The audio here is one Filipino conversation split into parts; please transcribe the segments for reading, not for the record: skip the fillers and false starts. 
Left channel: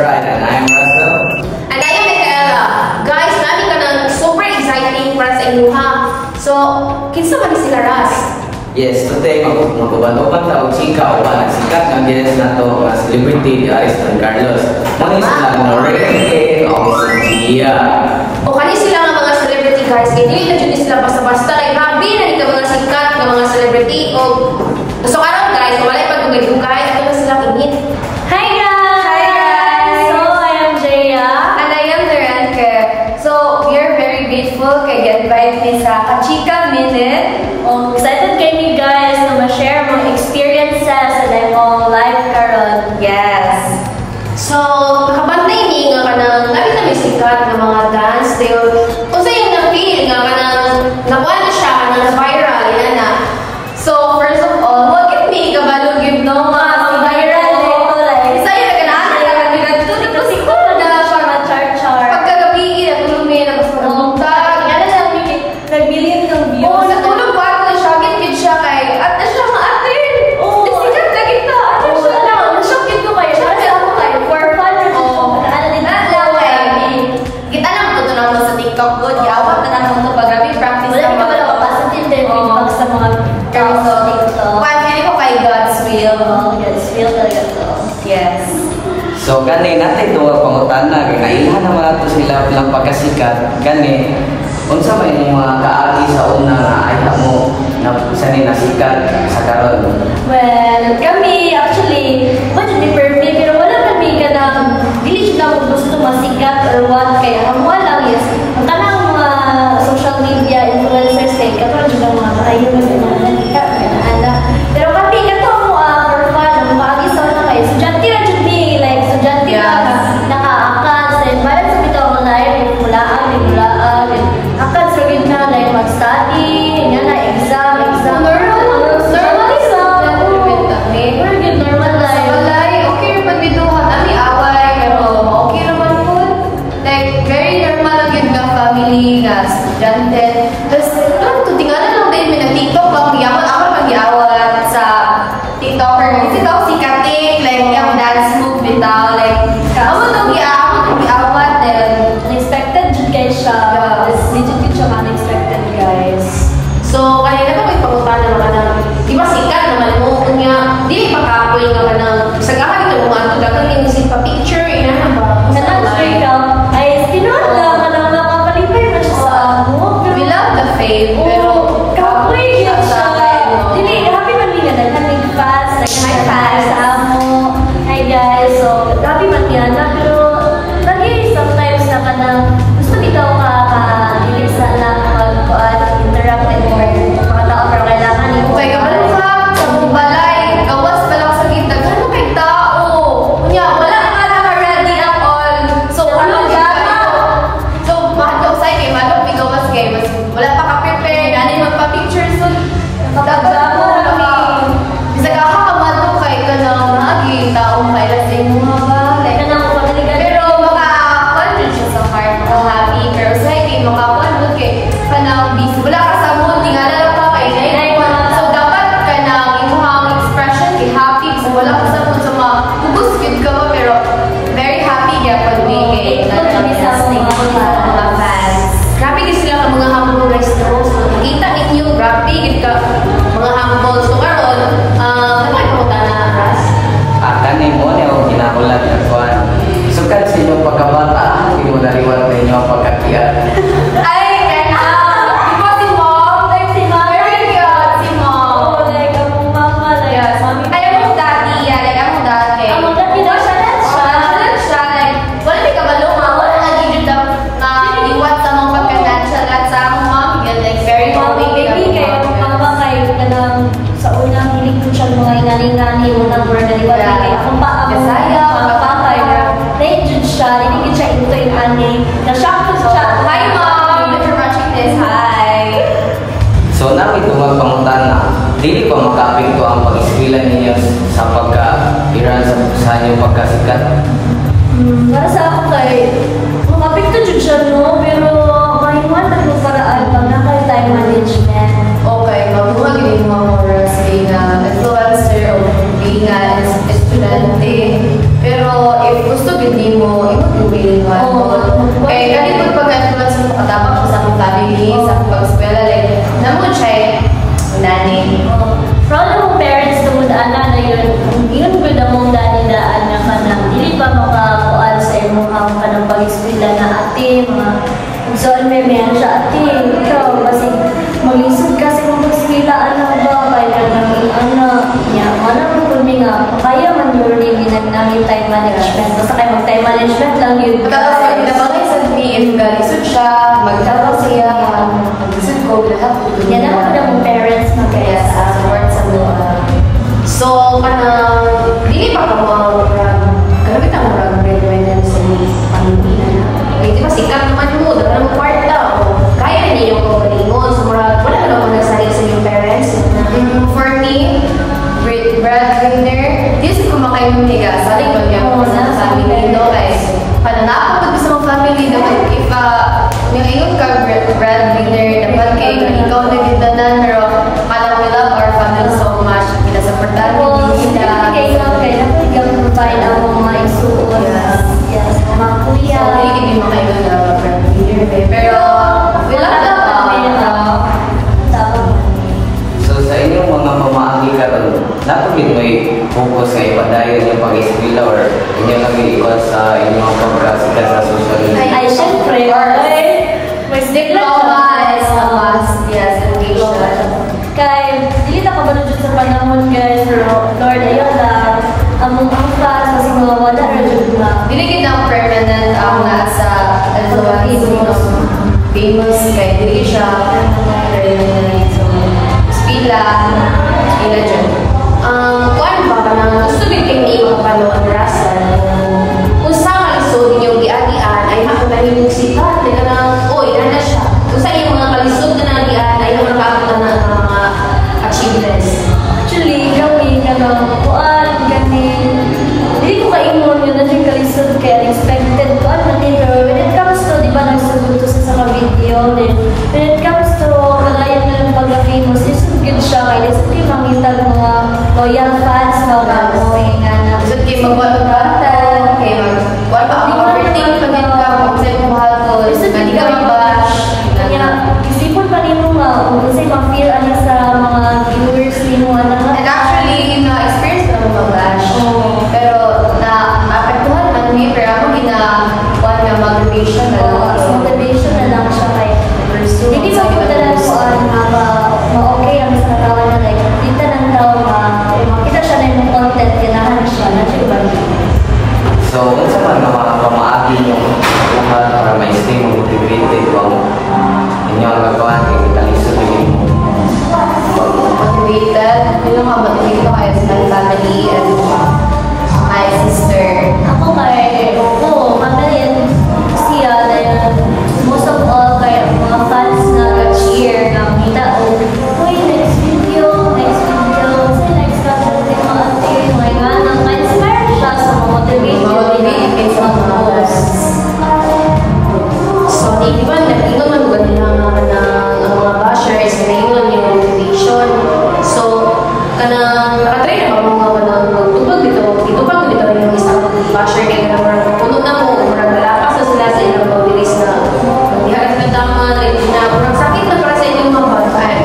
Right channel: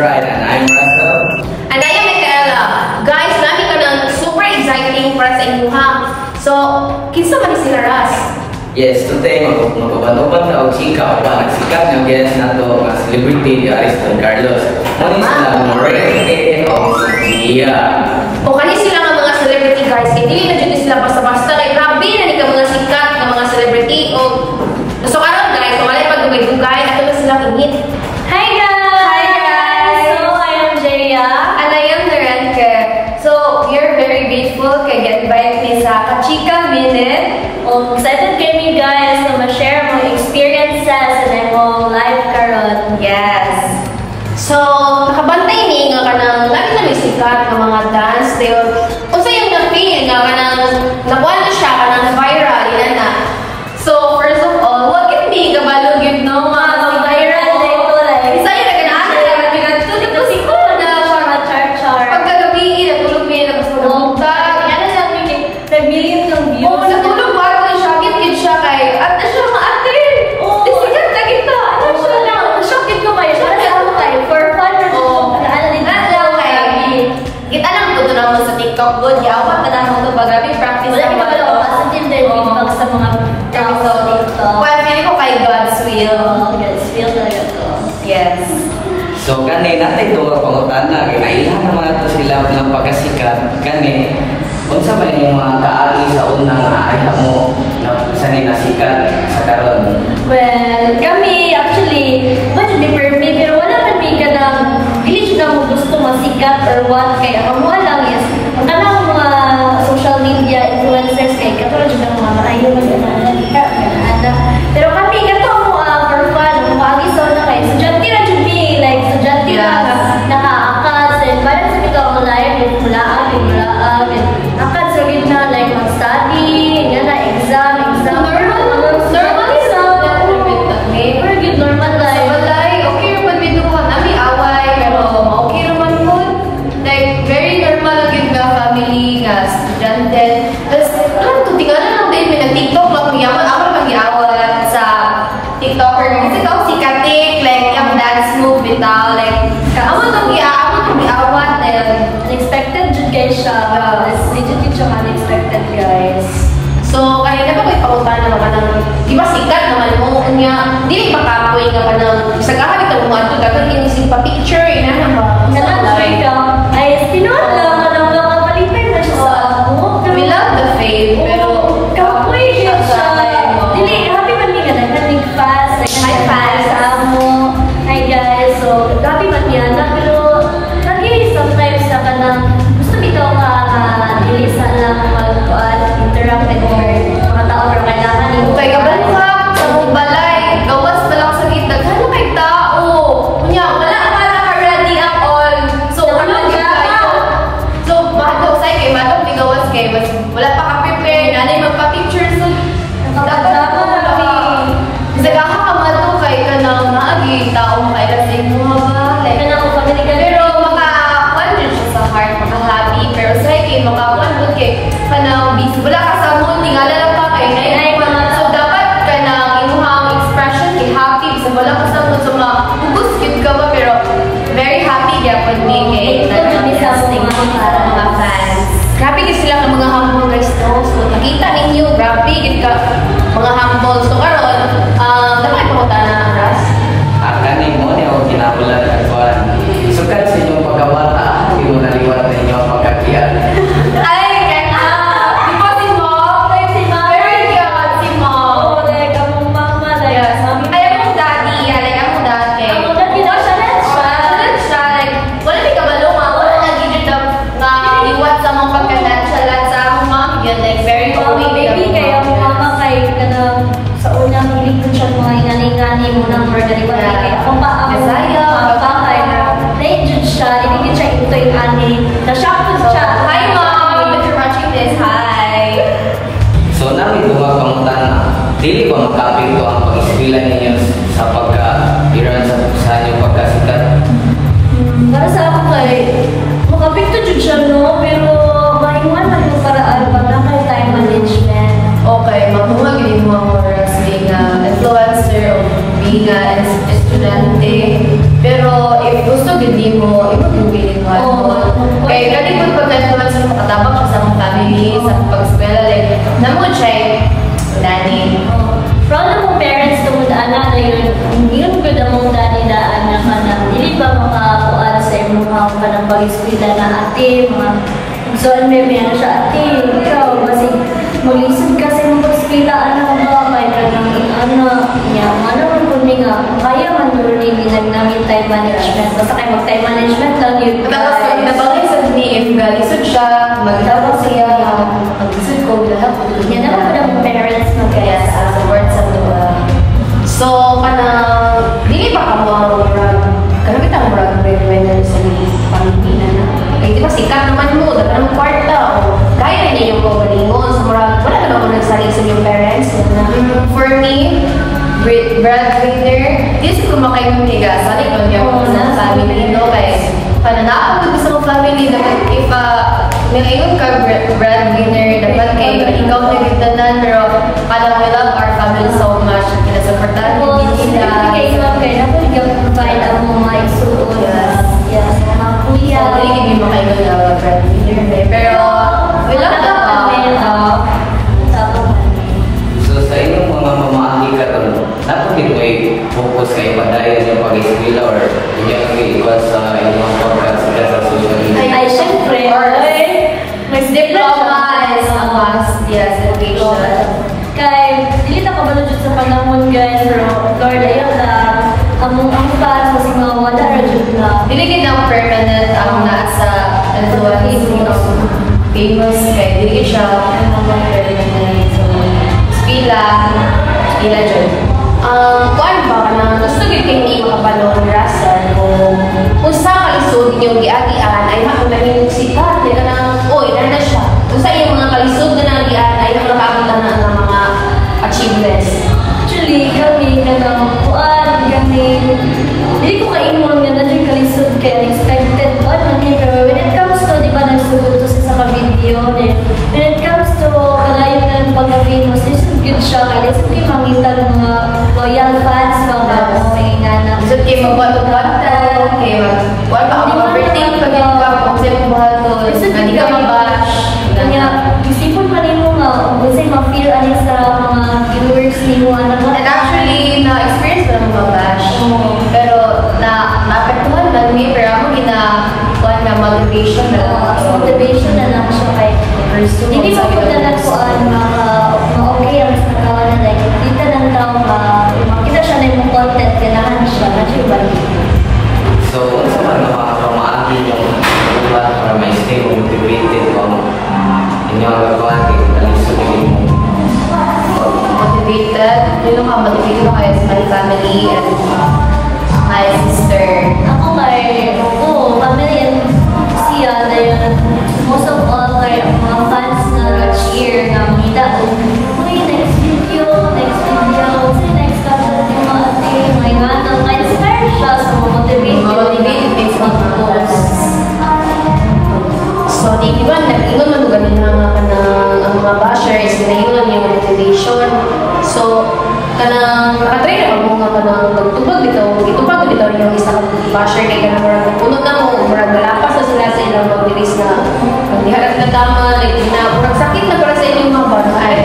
right, and I'm Russell. And I am Michaela. Guys, nami ka ng super exciting para sa inyuha. So, kinsa man ni sila Ras? Yes, today magkubantuban na og sika o panagsikat ng guest na to nga celebrity ni Ariston Carlos. Nami sila Morene o Sia. O kani sila nga mga celebrity guys, kay dili na jud sila basta-basta kay grabe na ni ka mga sikat nga mga celebrity o so karon guys, kung alay pagdugay-dugay ato na silang init. Hi guys! Hi guys! So, I am Jaya. And I am Narenke. So, we are very grateful kay get-invite ni sa Kachika Minute. Excited kami guys na ma-share mga experiences sa imong life karon. Yes. So, nakabantay ni nga kanang lagi na may sikat ng mga dance dayon. O sa yung na-feel nga kanang nakuha na siya, kanang viral, yan na. So, first of all, wag it me kabalo gid no nga viral dito like. Isa yung naganaan na lang pinagtutod ko si Kuda para char-char. pagkagabi natulog mi na basta pagpunta. Kaya na nag-million ng views. Oo, natulog ba ito siya, gid siya kay at na siya ma-attend. Oo. Di sikat na kita. Ano siya lang. Shocked ko kayo. Kasi ako kayo, for fun or Lang kay. Kita lang po doon ako sa TikTok good. Yawat na naman ito pag grabe practice wala na ka pala mo. positive din feedback sa mga Episode dito. Kung feeling ko kay God's will. Yes, feel talaga to. Yes. So kani natin ito pangutana kay kailan naman ato sila ng pagkasikat kani unsa may mga kaagi sa una nga ay mo na isa ni nasikat sa karon. Well, kami actually, much be perfect, pero wala man di ka ng hindi na mo gusto masikat or what, kaya ang mga lang is, ang kanang mga social media influencers kay katulad ng mga maayo mo pero pati kato mo for fun, maagi sa una kayo, sudyante na should be, like, sudyante na nakaakas, and parang sa kita online, yung mulaan, akad sa yun na, like, mag-study, yan na, exam. Normal is we're good, normal Sa life. balay, okay naman biduhan. Ami away, pero okay naman po. Like, very normal lang yun nga family, nga estudyante. Tapos, doon, tutinganan lang din, may nag-tiktok lang yaman. Ako naman giawat sa tiktoker. Kasi ito, si Katik, like, yung dance move bitaw. Like, ako itong giawat. Unexpected jud guys siya. Legit siya unexpected guys. So, kanina ko may pautan naman ka ng, di ba sikat naman mo, nga, di makapoy nga ka ng, isagahan ito mga ito, dagang yung isip pa picture, ina na ba? Ay, pinuhat na malangga ka palipay na siya sa ako. We love the fave, pero kapoy siya sa dili, happy man niya na nag fast, like Hi, fans. sa amo. Hi guys, so happy man niya na, pero lagi sometimes na ka nang gusto bitaw ka dili sa lang interact with mga tao, pero kailangan mo. kay kabalak sa mong balay, gawas pa lang sa kita, gano'n kay tao. Kunya, wala ka na ka-ready at all. So, wala ka. So, mahadok sa'yo kay madok, may gawas kay, mas wala pa ka-prepare, nanay magpa-picture, so, dapat ako laki. Sagaha ka madok kay ka na maagi, tao makailas sa imuha ba? Like, pero makakuan din siya sa heart, maka-happy, pero sa'yo kay makakuan mo kay kanang busy. Wala ka sa mood, tingala lang ka kay so dapat kanang imuhang expression kay happy, so wala ka sa mood, so mapugos kid ka ba, pero very happy gyapon mi kay nag-testing ko sa mga fans. Grabe kasi sila ang mga humble guys to. So nakita ninyo, grabe ka mga humble. So karon, dapat ipauta na Ras. Kani mo ne og ginabulat ako. Sukat sa inyong pagkabata, hindi mo naliwat na inyo ang pagkakiat. Ay, kaya di ba si Mom? Like si Mom. Very cute si Mom. Like, ang mama, like, Yes. Ay, among daddy, like among daddy. Among daddy na siya. Siya, like, wala may kabalo nga, wala lagi dyan na iwat sa mong pagka-natural at sa among mom, yun, like, very homey. Baby, kaya ang mama kay kanang sa unang hilig ko siya mga inani-ngani mo ng brother. Kaya akong Kasaya, papakay na na-judge siya, hindi siya ito yung ani. Na-shock ko siya. Hi, Mom! If you're watching this, hi! So namin ito mga pangutana, dili ba makapit ko ang pag-eskwela ninyo sa pagka-iran sa inyong pagkasikat? Para sa ako kay, makapit ko jud siya no, pero mahiwan lang yung paraan pag nakay time management. Okay, mabuha gini mga morals being an influencer o being an estudyante. Pero if gusto gindi mo, imo yung feeling mo. Kaya kanipod pagka-influence mo makatabang siya sa mong family, sa pag-eskwela, like, namod siya nani. Proud ng parents na mudaan na yun ko na mong dani-daan na ka na hindi pa makakuan sa imong ka ng pag-eskwela na ate, mga so, may meron siya ate, ikaw, kasi mag-isod kasi mong pag-eskwela, anak ba, kaya nang anak niya, ano ko nga, kaya man yun namin time management, basta kayo mag-time management lang yun. Tapos pag inabangay sa DM, galisod siya, magtawag siya, mag-isod ko, lahat. Yan ako na mong parents mo kaya Yes, support sa mga. So, kanang, di ba ka mo, kanamit ang murag breadwinner sa Pilipinas na. Kaya di ba, sikat naman mo, dapat ng kwarta, o kaya niya yung kukunin mo, so murag, wala na naman nagsaling sa yung parents. For me, breadwinner, di sa kumakay ng higa, saling ko niya po sa family, no? Kaya, pananakapag sa mga family, dapat if ngayon ka breadwinner, dapat kayo ikaw na gintanan, pero alam we love our family so much at pinasuportahan yung binila. Kaya provide ang mga isuot. Yes, mga kuya. So, hindi kami makaingon na breadwinner, pero we love them all. So sa inyong mga mamahagi ka napagin mo focus sa iba dahil yung pag-eskwela or hindi kami iba sa inyong mga pagkasika sa social media? Ay, syempre. Mas diploma is a must. Yes, education. Kaya, dili na kabalo dyan sa panahon, guys. Pero, Lord, ayun lang. Ang fans, sa mga wala, rin lang. Diligid ang permanent ang nasa influence ng famous kay diligid siya permanent. So, spila dyan. Kuan ba ka na gusto hindi makapalo ang rason kung sa kalisod niyo giatian ay makatahin sikat nila ng oy, na siya. Kung sa iyong mga kalisod na nagiatian ay makakita na ng mga achievements. Actually, kami na kuan, kami, hindi ko kaingon nga na yung kalisod kaya expected ko at pero when it comes to, di ba, nagsugot to sa mga video, when it comes to kalayan ng pagka-famous, isang good siya, kaya isang kayo makita ng mga loyal fans, mga nga na. Isang kayo mag-content, kayo mag-kuan ba ang overthink pag-in ka, kung sa'yo kumahal ko, hindi ka mabash. Kaya, isipon pa rin mo nga, kung kasi ma-feel ano sa mga viewers ni mo, alam mo. And actually, na-experience ko na mo mabash. Pero, na-apektuhan man me, pero ako gina-kuan nga motivation na lang. Motivation na lang siya kay pursue. hindi pa po talaga po ma-okay ang sa mga na like, kita ng tao makita siya na yung content, ganahan siya, na siya ba? So, kung sa mga pamaagi mo para may stay mo motivated kung inyo ang gagawin, kalisod din mo. Motivated. Yun lang ako, motivated ko kaya sa my family and my sister. Ako family and siya dahil most of all kay mga fans na cheer na makita uy, next video, say next content yung mga ate, mga ganang na-inspire siya sa Motivated based on mga posts. So, di ba, nag-ingon man ba nila ang mga bashers, nag-ingon yung motivation. So, kanang nakatry na mga magtutulog dito, itupag dito yung isa ka basher kay kanang marag puno na mo, marag malapas na sila sa ilang mabilis na magdiharas na tama, na marag sakit na para sa ilang mga bantay.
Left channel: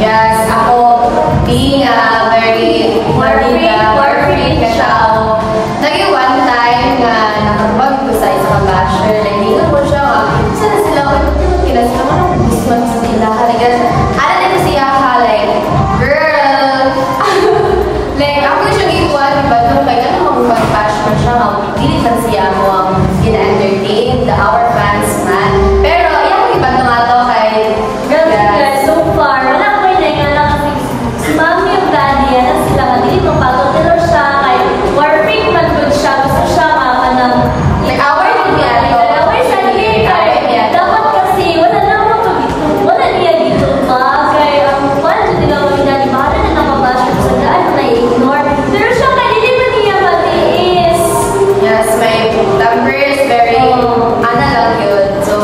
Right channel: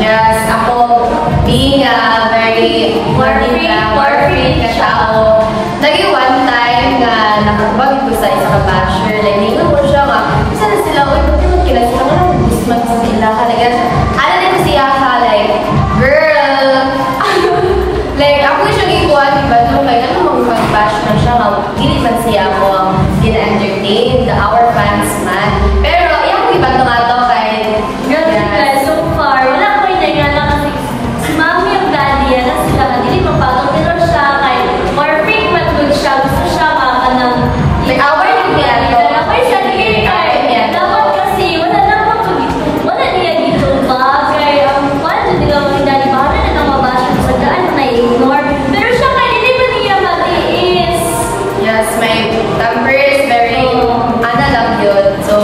Yes, ako, being a very war-free ka tao, naging one time na nakakabagin ko sa isa ka basher, like, ningon ko siya nga, isa na sila, uy, ba't yun kila sila, anong gusto man sa sila, like, ano din ko siya, like, girl, like, ako siyang ikuha, diba, no, like, ano mag-bash man siya, hindi man siya mo ang in-entertain, our fans man, pero, yung ibang tumato kay, girl, so far, wala ko yung nangyalang kasi si mami yung daddy yan, kasi sila nga, hindi mapagod pero siya, kay more free man good siya, gusto siya ng like, our niya to, dapat kasi, wala niya dito ba, kaya ang one nila mga daddy, bahala na nang mabasyon sa daan, na-ignore, pero siya kaya hindi ba niya matiis? yes, my temper is very, lang yun, so,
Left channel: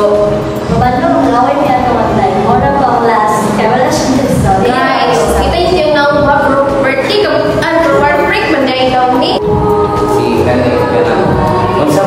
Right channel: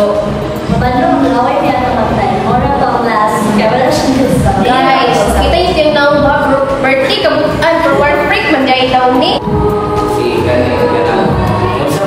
Bandung, laway niya ito mag-live. Mora pang last. Kaya wala siyang gusto. guys, kita yung na birthday, kabutan, for war break, man dahil daw ni. Si Gani, kung sa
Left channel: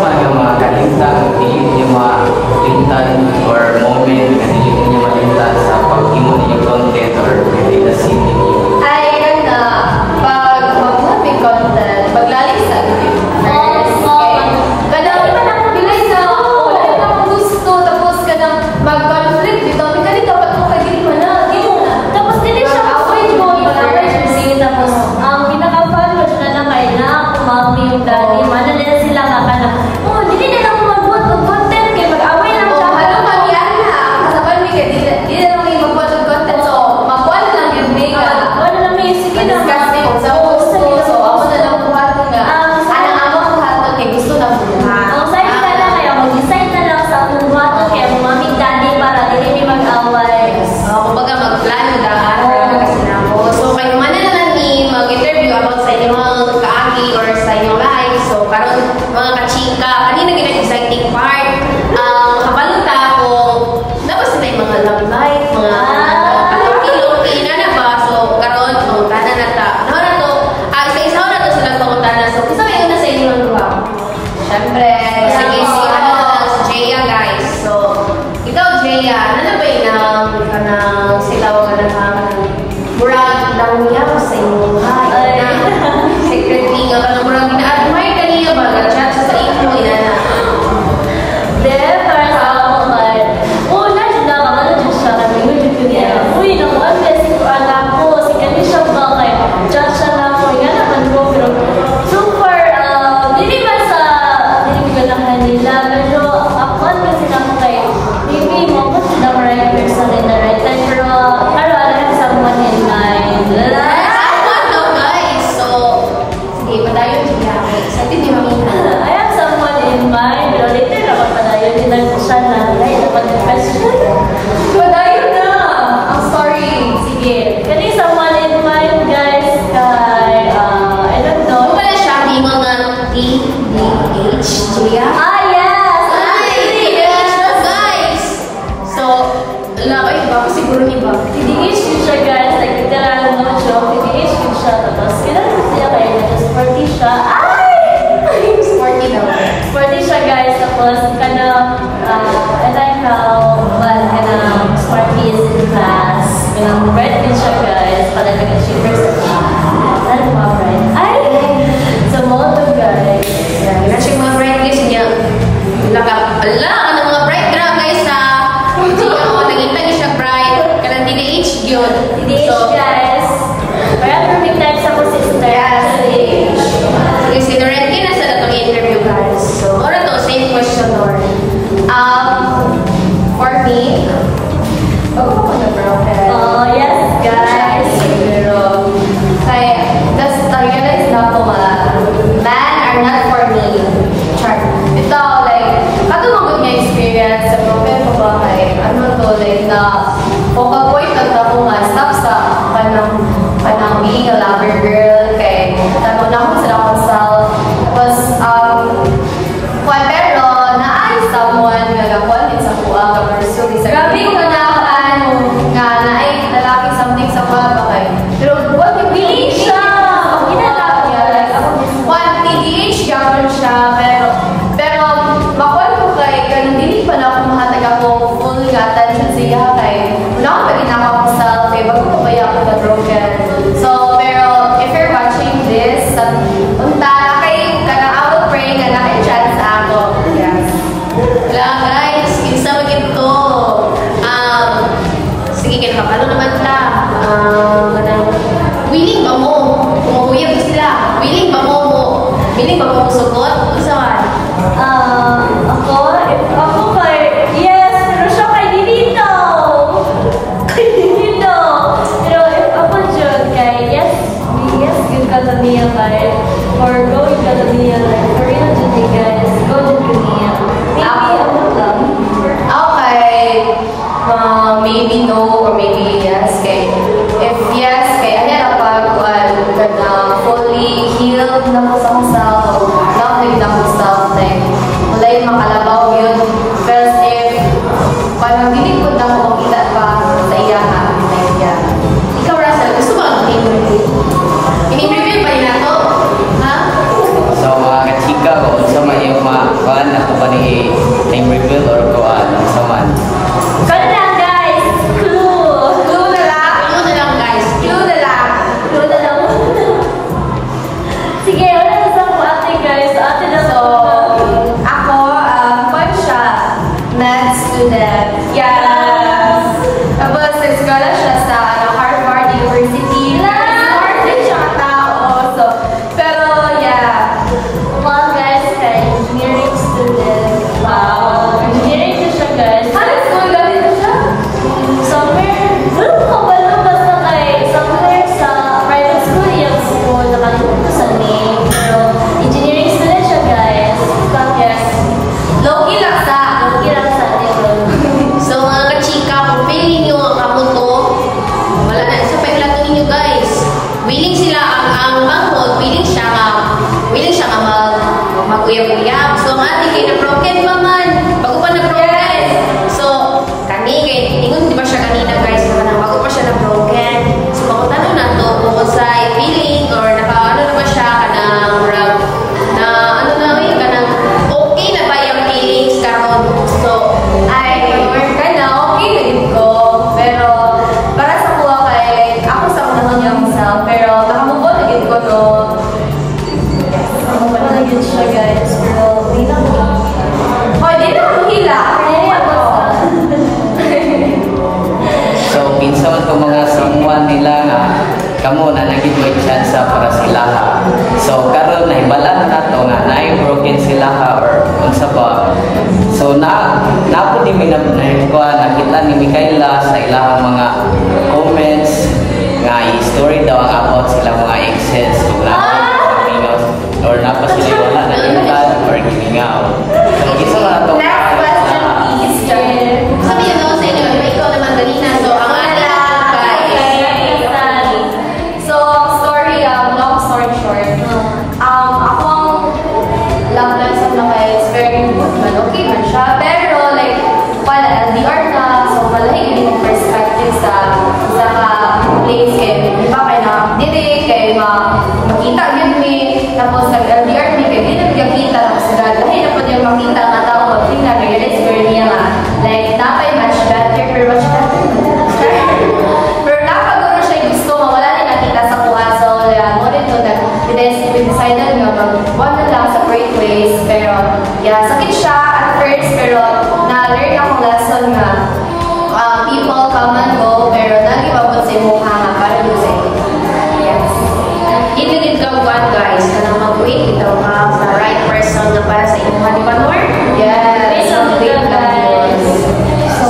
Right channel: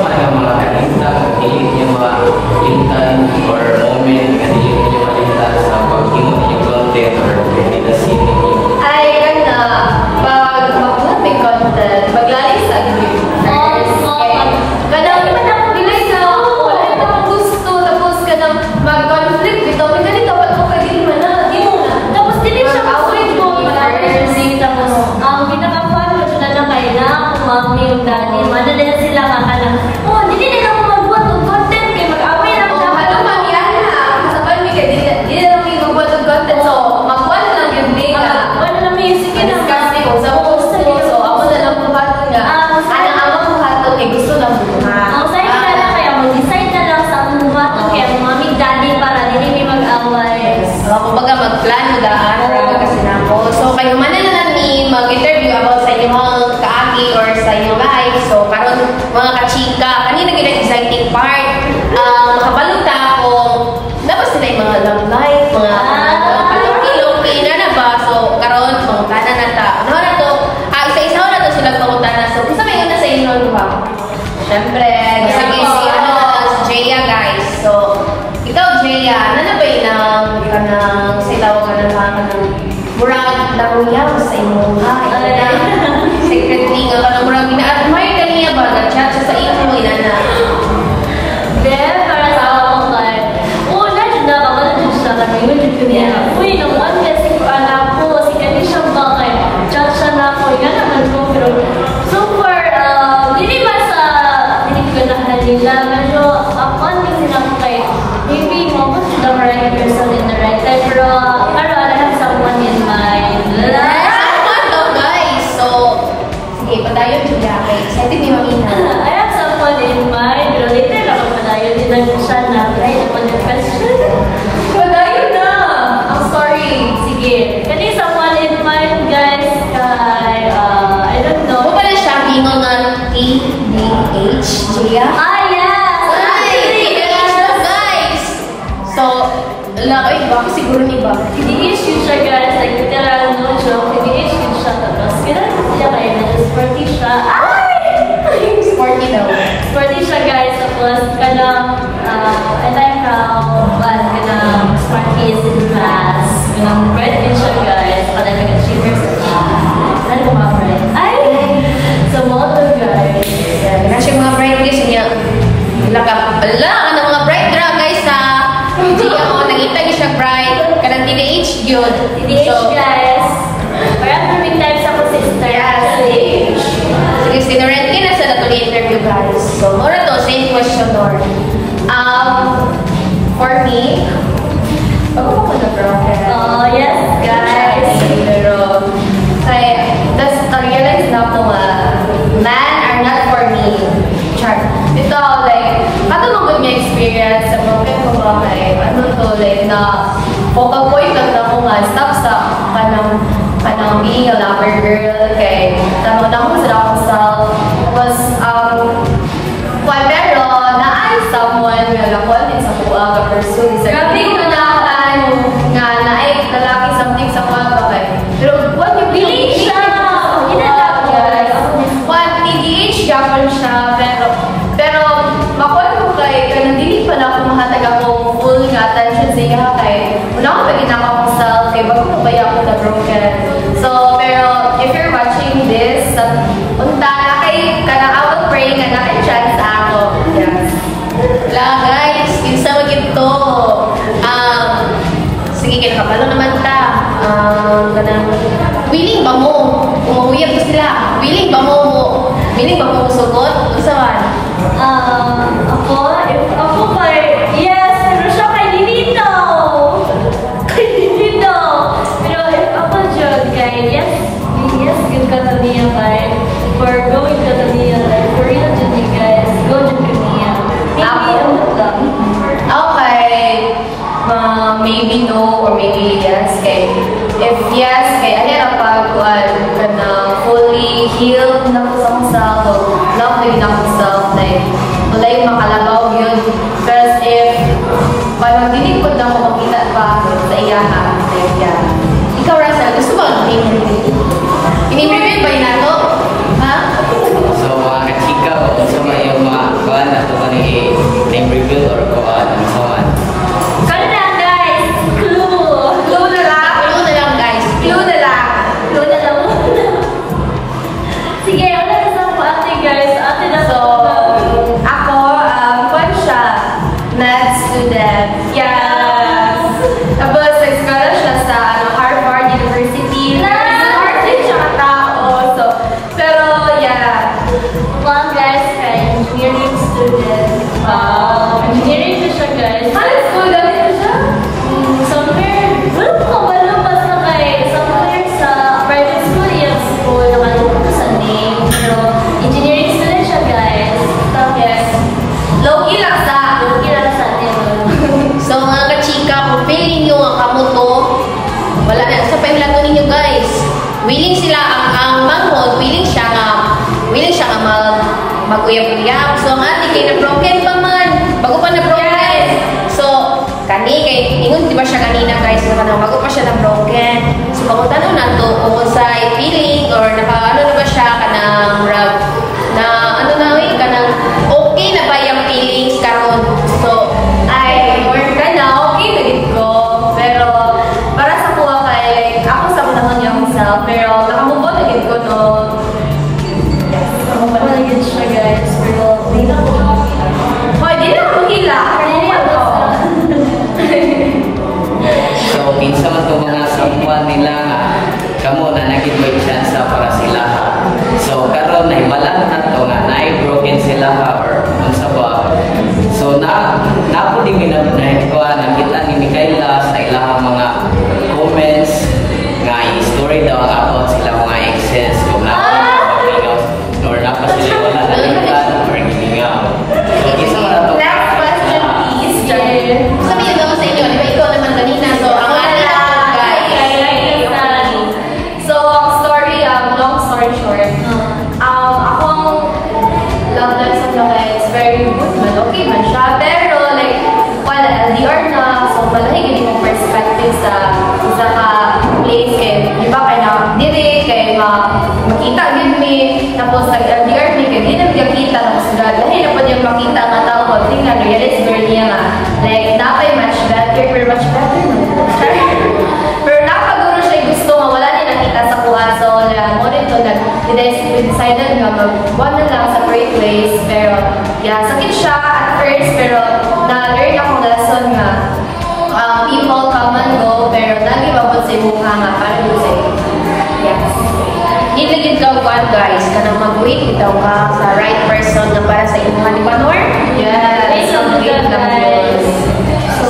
mga kachika, kanina gina-exciting part. Makabalot ka ako, labas na yung mga love life, mga pila na ba? So, karon pangutana na ta. Ano na to? Isa-isa na to silang pangutana. So, kung may una sa inyo, ba? Siyempre, si Jaya, guys. So, ikaw, Jaya, ano na ba yung sitaw ka na murag daw sa inyong bahay? Secretly nga ka murag na-admire ka niya ba? Nag-chat sa iyo mo, inana? Para sa ako, like, nandiyan na ka, managin siya kami, managin ko niya. Uy, nakuha blessing ko anak ko, si Kani siya ba, like, chat siya na ako, nga naman ko, pero super, hindi ba sa piniganahan nila, medyo, ako kasi na ako kay, maybe, mabot the right person in the right time, pero, I have someone in mind. Guys, so, sige, padayon niya ako. Sa atin yung mamina. I have someone in mind, pero later lang ako padayon din lang siya na, ay, napag-question. Padayon na! Ang story. Sige. Kani someone in mind, guys, kay, I don't know. Kung pala siya, bingo ng ADH, Julia? Yes! Guys! So, laoy ba? Siguro iba. PDH yun siya, guys. Like, literal no joke. PDH yun siya. Tapos, kailan ko siya kayo. Medyo sporty siya. Ay! Sporty daw. Sporty siya, guys. Tapos, I like how fun sporty is in class. Bright din siya, guys. Nag-achiever sa siya. Ano mga friends? Ay! So, moto, guys. Yan. Kasi mga bright guys, niya. Ano mga bright dra, guys, ha? Hindi ako, nakita niyo siya bright. Karang TDH yun. PDH, guys. Parang perfect time sa sister. Yes, TDH. Kasi sinured na sa interview, guys. So, ano to? Same question, Lord. For me, bago ako na-broken. Oh, yes, guys. Pero, kaya, na-realize na ako men are not for me. Char. Ito, like, katulog nga experience sa broken ko ba kay, like, na, focal point na ko nga, stop sa kanang being a lover girl, kay, tamo na akong sa akong self. Tapos, pero, na-ay someone nga gakuan din sa kuha ka pursue. Hindi ko ganahan nga na-ay lalaki something sa kuha ba kay. Pero, what yung Biling siya! TDH gapon siya, pero makuha ko kay, ganun dili pa na akong hatag ako full nga attention sa iya kay, muna akong paginaka akong self, kay bago mabaya ako na broken. So, pero, if you're watching this, unta na kay, kanang I will pray nga na kay chance ako. Yes. Guys, isa mo ito. Sige, kay kapalo naman ta. Willing ba mo? Umawiyag sila. Willing ba mo? Willing ba mo sugot? Isa man? Ako kay, yes, pero siya kay Dilito. Kay Dilito. Pero if ako dyan, kay, yes, yung kataniya kay, for going kataniya, like, for real today, guys, go dyan kataniya. Maybe, ano lang. Okay. Maybe no or maybe yes. Kay, if yes, kay ahera pag kanang fully healed na ko sa akong self, love na gina akong self, like, wala yung makalabaw yun. But if parang hindi ko na ako makita pa sa iyaha, like yan. Ikaw, Russell, gusto ba ang ini-interview ba yun ako? Ha? So, mga kachika ko, sa mga yung mga kuhan na kung ano yung review or kuhan, sa man. Kaya na, guys, clue. Clue na lang. Clue na lang, guys. Clue na lang. Clue na lang. Sige, wala na sa ako ate, guys. Ate na So, ako, kwan siya, med student. Yes! Tapos, nag-scholar siya sa Harvard University. Smart din siya katao. So, pero, yeah. Well, guys, kay engineering student. Wow. Engineering na siya, guys. Ano school galing na siya? Somewhere, wala basta kay, somewhere sa private school, yung school, nakalimutan ko sa name. Pero, engineering student siya, guys. Yes. Low-key lang sa. Kailangan sa atin. okay man siya. Pero like, wala LDR na, so malahi gini mong perspective sa isa ka place kay, di ba, kay na diri, kay makita yun mi, tapos nag-LDR mi, kay di na magkakita, tapos lahi na po niyang makita nga tao, magtingnan, realize mo niya nga, like, napay much better, pero much better man. Pero napaguro siya gusto nga, wala niya nakita sa kuwan, so mo rin to, we decided nga mag-one na lang, separate ways, pero yeah, sakit siya at first, pero na-learn akong lesson nga, people come and go, pero nagibabot sa mukha nga para dito sa iyo. Yes. Hindi ka one guys, ka na mag-wait, ikaw ka sa right person na para sa iyong halipanor. Yes. Wait lang yun.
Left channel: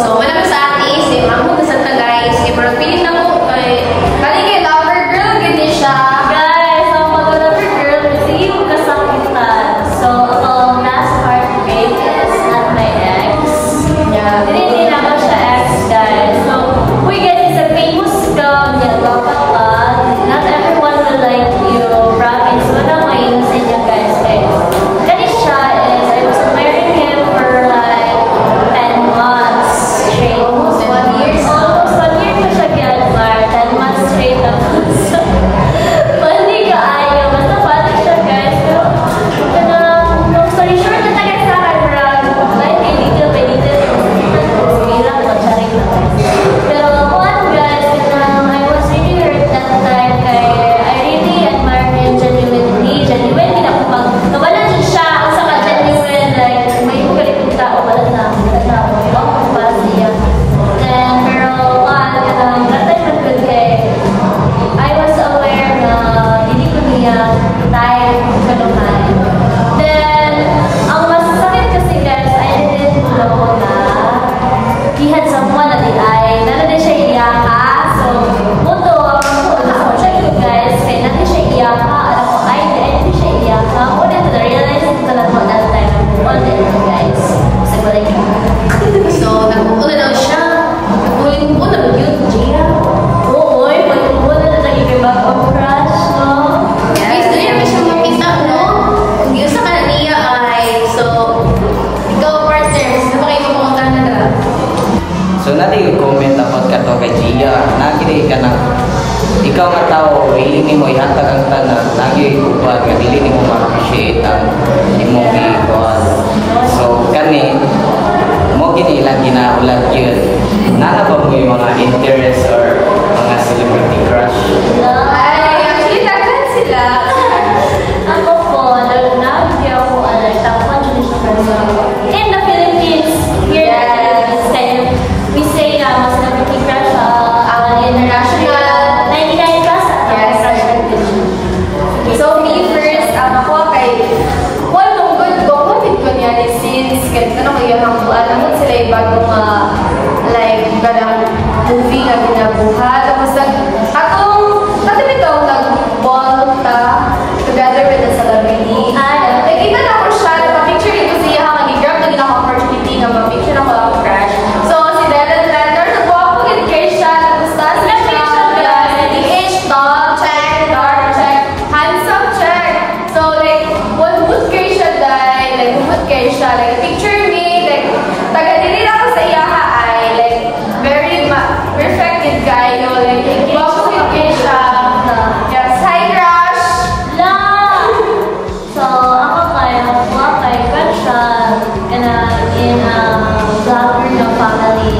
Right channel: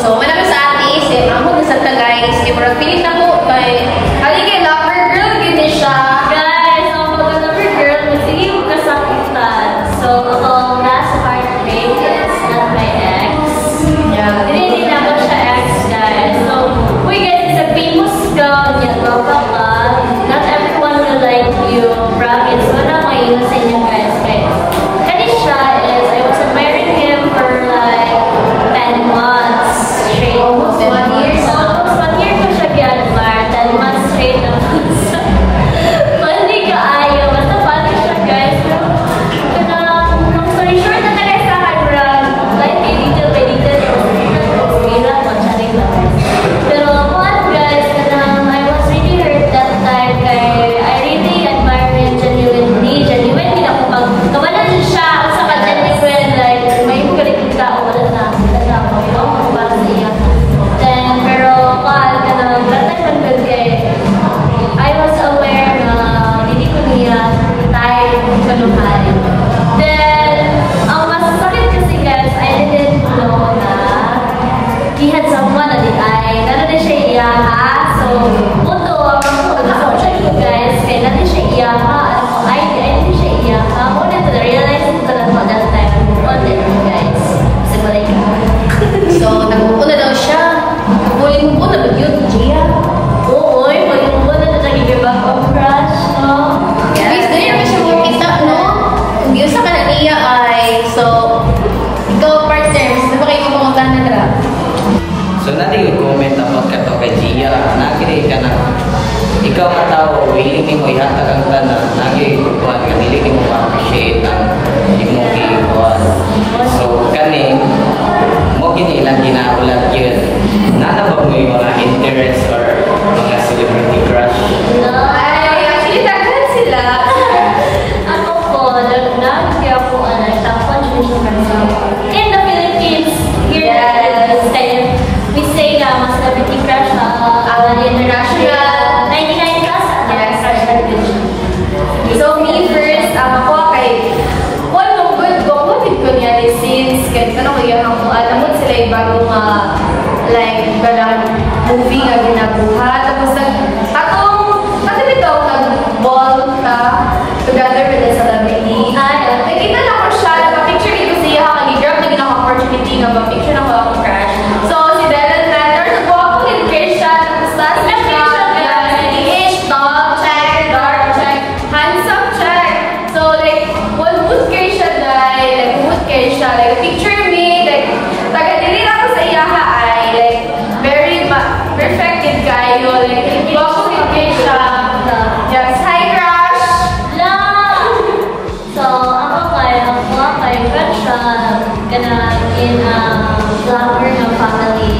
So, wala sa akin is, ako na sa guys, pero pilit ako kay... Halika, lover girl, ganyan siya. Guys, ang mag-lover girl, sige yung kasakitan. So, ang last heartbreak is not my ex. Yeah. Hindi na ako siya ex, guys. So, uy guys, it's a famous girl, not everyone will like you, promise. So, na ngayon sa inyo guys. Kani siya is, I was admiring him for like 10 months straight. Almost 1 year. Almost 1 year pa siya gi-admire, 10 months straight. Funny ka ayaw, basta funny siya guys. Pero, long story short na tagay sa akin, like, little by little, bilang magsaring na guys. Pero, one guys, I was really hurt that time, kaya I really admire him genuinely. Genuinely ako pag, nawala din siya, ang saka genuine, like, may magalit yung tao, wala na, talaga ako, ibang ako para siya. Then, pero, that time man good kay, I was aware na hindi ko niya tayo kanuhan. Then, ang masasakit kasi guys, I didn't know na he had someone na di ay, nanon din siya iyaha. So, muto, ang ako siya guys, kaya natin siya iyaha. Alam ko, ay, hindi siya iyaha. Una to realize ko lang mo that time. All day guys. Kasi wala yun. So, nagpupula lang siya. Huling mo, nag-yun, Gia. Oo, huling mo na nag-ibag of crush, no? Yes, Yung kita, no? Yung sa kananiya ay, so, ikaw, partners, napakayo mo mga kanara. So natin i-comment about ka to kay Gia. Natin ka na ikaw nga tao, willing mo ihatag ang kanan, natin ikuan, willing mo ma-appreciate ang imong ikuan. So kani, mo kinilang ginaulat yun. Nana ba po yung mga interest or mga celebrity crush? Ay, actually, daghan sila. Ako po, nag-nag ako, takpan siya kanina. In the Philippines, here Yes. we say na mas celebrity crush, international. 99 plus, Yes. crush ka din siya. So, me first, ako kay one of good ko niya ni since kahit ano ko yung hamuan, namon sila yung bagong like, ganang movie nga ginabuhat. Tapos, nag-ball ta together with the celebrity. Nakita na ko siya, nagpa-picture ko siya, mag-grab na ginang opportunity nga mag-picture na ko ako crush. So, si Dylan Lander, nagbuha ko kay siya, nagpustas na siya. CDH, tall, check, dark, check, handsome, check. So, like, one mood kay siya dahil, like, mood kay siya, like, picture me, like, taga-dili ako sa iyaha ay, like, very perfect kid guy, no, like, guwapo kay siya. Yes, hi, crush! So, ako kay crush siya, in vlogger ng family.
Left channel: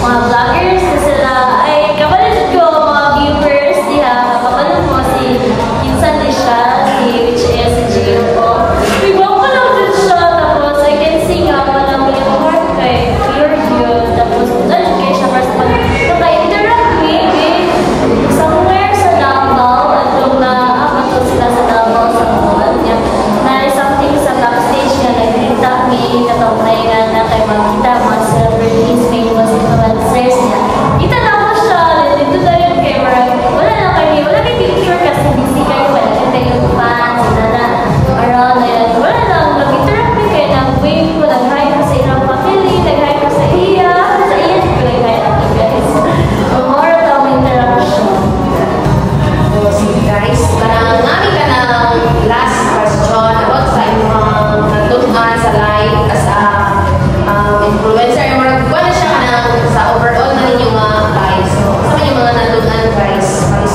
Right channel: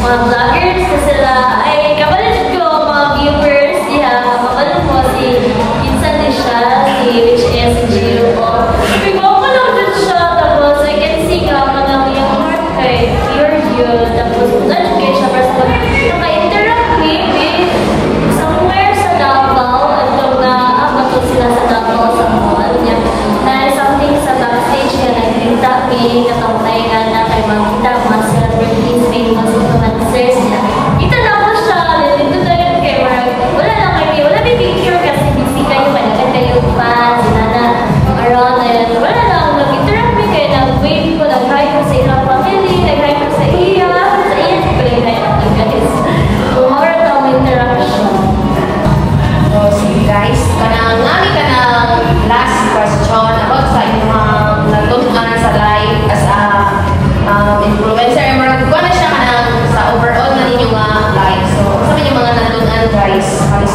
Mga vloggers na sila, ay, kapalit ko mga viewers niya, kapalit ko si Insan ni siya, which is Gio. Bigwa ko lang din siya, tapos I can see nga man ang iyong heart kay pure yun, tapos judge kayo siya, pero naka-interact somewhere sa Davao, at kung naabato sila sa Davao sa mga niya, na something sa backstage niya, nakikita ni katong na kay magkita mga celebrities, famous influencers na. Kita na ko siya, dito tayo kay wala na kayo, wala may picture kasi busy kayo, malagan kayo fans, around na yan. Wala lang, mag-interact na kayo, nag-wave ko, nag-hi ko sa ilang family, nag-hi ko sa iya, ko nag-hi ko guys. More of interaction. So, sige guys, kanang nami ka ng last question about sa inyong natutunan sa life as a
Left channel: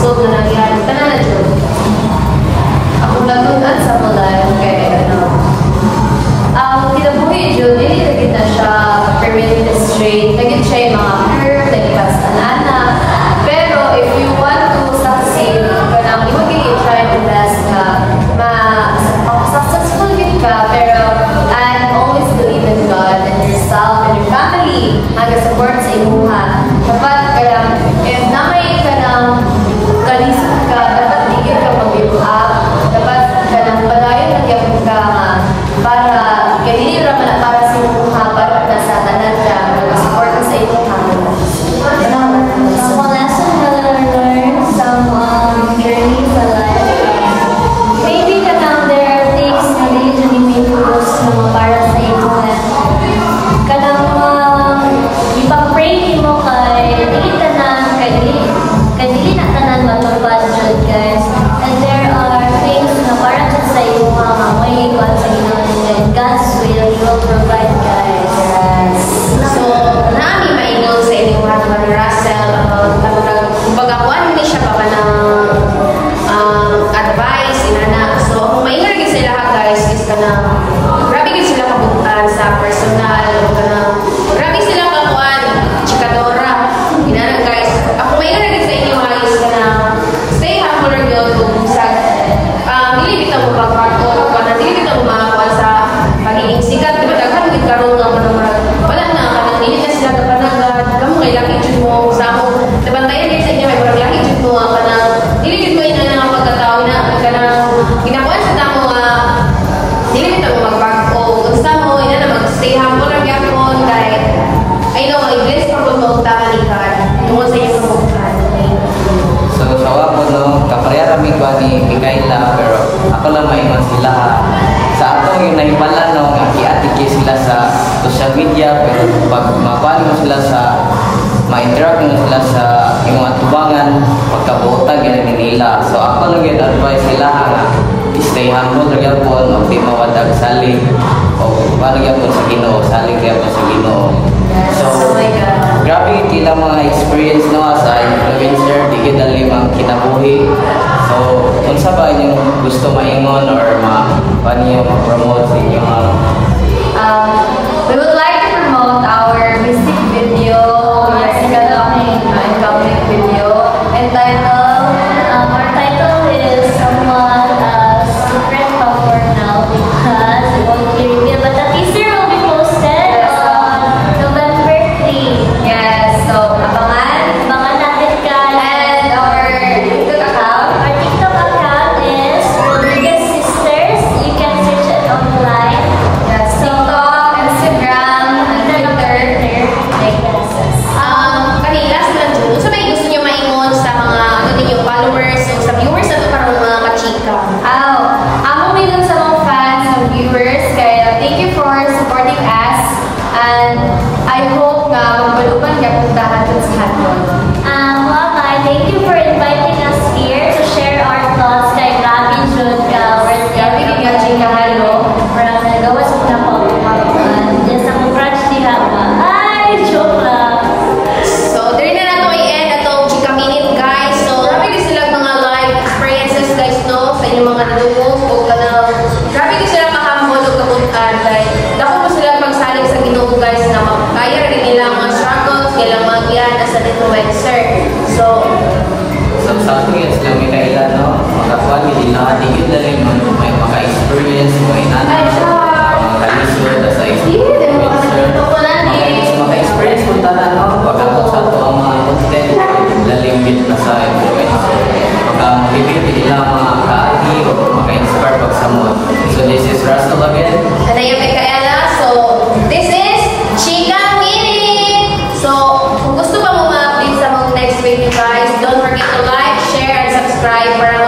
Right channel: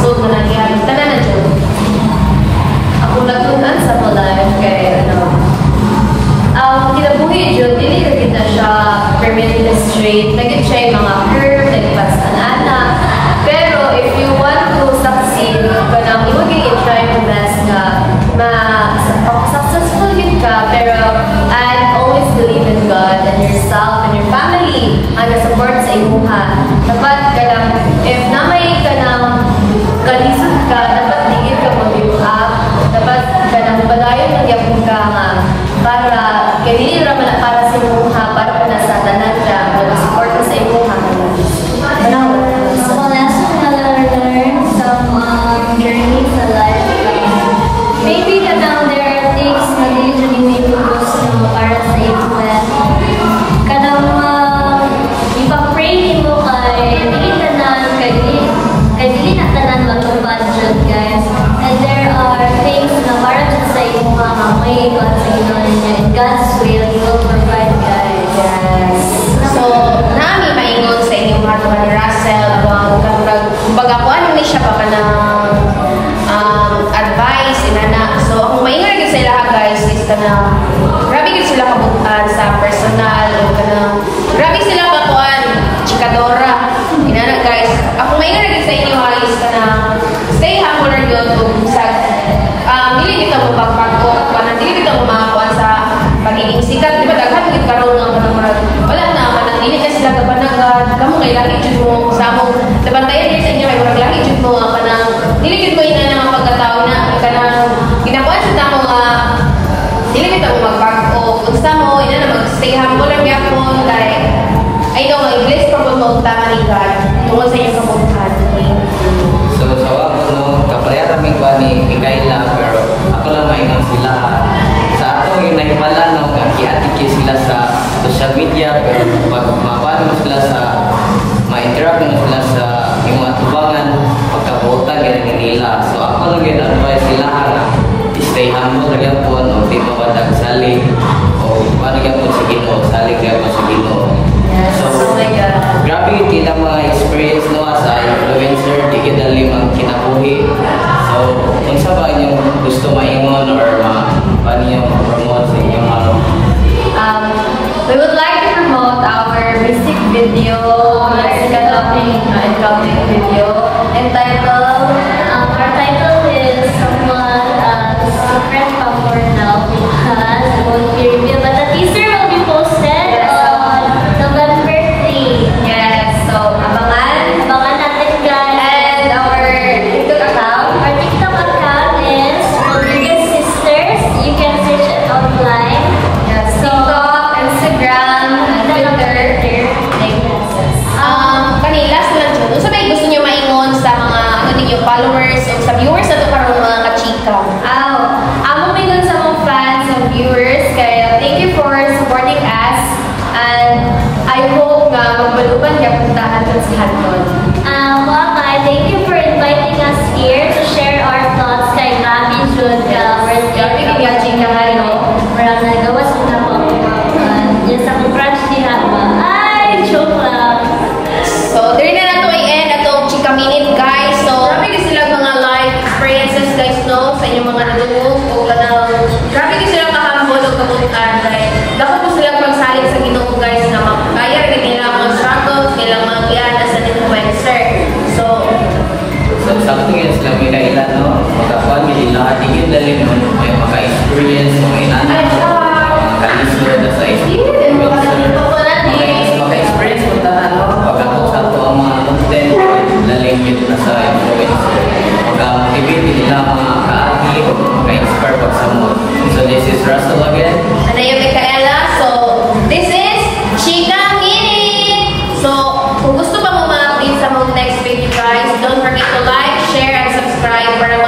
nasod na nagyan. Tanan na dyan. Ako natunan sa mo life kay ang kinabuhi dyan, dili na gid na siya permanently straight. Naging siya yung mga curve, nagpas anana. Pero if you want to succeed, kanang imo gid try your best nga successful gid ka, pero and always believe in God and yourself and your family. Hanggang support sa imuha. Dapat kanang if namay kanang kalisod ka, dapat tigil ka mag-give up. Dapat kanang padayon nagyapon ka nga para kay dili ra man para sa imuha, para nasa tanan ka mag-support sa imuha. Kanang Some lesson na learn, some journey sa life. Maybe kanang there are things na dili may tugos no para sa imuha. Kanang ipang-pray mo kay dili tanan kay dili na tanan matupad jud guys. And there are things na para jud sa imuha nga may God's will will provide guys. Yes. So, nami maingon sa inyong mga Russell pag ako hindi siya pa ng advice na. So, kung maingon din sila guys is na grabe din sila kabutan sa personal grabe sila kakuan chikadora. Yan guys. Ako maingon din sa inyo is na stay humble na yun kung sa hindi kita mo pagpagpo hindi kita mo makakuan sa pagiging sikat, diba? Daghan yung karoon ng panamara. Wala na, hindi niya sila kapanagad. Kamu may laki dyan mo sa mo. Nabantayan din sa inyo, may laki dyan mo nga panang. Hindi mo yun na mga pagkatao na ginakuan sa tamo nga hindi kita mo magpagpo. Kung sa mo, yun na mag-stay humble lang yan mo. I know, i-bless pa mo magtama ni God. Tungkol sa inyo kabuhan. So, sawa mo no, kapalera mi ko ni Mikaela, pero ako lang maingat sila. Sa ato yung nahimala na magkaki-atiki sila sa social media, pero pag mapaano mo sila sa ma-interact mo sila sa yung mga tubangan, pagkabutan ganun nila. So ako lang yung advice sila na stay humble lang po, no, di mawadag saling, o paano yan po sa Ginoo, saling yan po sa Ginoo. Yes, oh my God. Grabe kita mga experience no as a influencer, di kita limang kinabuhi. So, kung sa ba yung gusto maingon or paano yung promote sa inyong We would like to promote our music video, musical and comic video entitled, our title is somewhat secret for now because we won't hear it, but the teaser will be posted on November 3. yes, so abangan. Abangan natin guys. And our TikTok account. Our TikTok account is Rodriguez Sisters. You can search it online. Yes, TikTok, Instagram, and Twitter. Last na dyan. So, may gusto nyo maingon sa mga followers o sa viewers na ito parang mga kachika? Amo may dun sa mga fans and viewers, kaya thank you for supporting us. And I hope nga magbaluban ka puntahan dun sa Handon. Thank you for inviting us here to share our thoughts kay Rabi Jud. Grabe kaya chikahan, no? Parang nagawa sa na po yes, ang crush nila. Ay, joke lang. So, dali na nato i-end atong chika minute guys. So, grabe kasi sila mga life experiences guys no sa inyong mga nadungog o kanang grabe kasi sila kahambol o kabutan dahil dako po sila magsalig sa Ginoo guys na makaya rin nila mga struggles kailang mga giyan as an influencer. So, sakto yan sila Mikaela, no? Magkakuan, hindi nakatigil dali mo may maka-experience, may nanay, maka-lisod na sa influencer. Maka-experience kung tanan, no? Pagkakot sa ito ang mga content, dali yung dito na sa influencer. Pagka-motivate nila mga ka-ati o maka-inspire pag sa mo. So this is Russell again. ano yung Mikaela? So, this is Chika Minute! So, kung gusto ba mo ma-update sa mga next video guys, don't forget to like, share, and subscribe para